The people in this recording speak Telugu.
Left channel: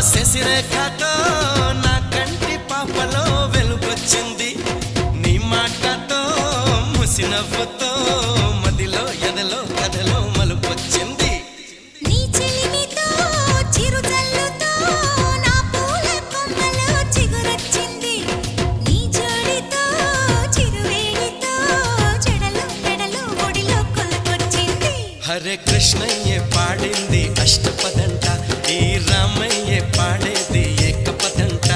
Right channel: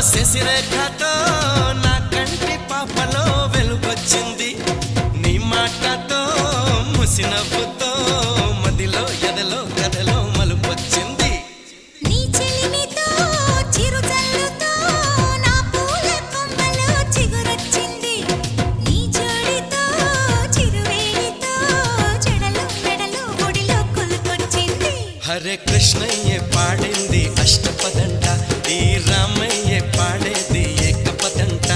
శశిరేఖతో నా కంటి పాపలో వెలుగొచ్చింది నీ మాటతో ముసినవ్వుతో మదిలో ఎదలో కథలో మలుపొచ్చింది నీ చెలిమితో చిరుజల్లుతో నా పూల కొమ్మలో చిగురొచ్చింది నీ జోడితో చిరువేడితో జడలు మెడలు ఒడిలో కొలుకొచ్చింది హరే కృష్ణయ్య పాడింది అష్టపదంట ఈ రామయ్య పాడేది ఏకపదంట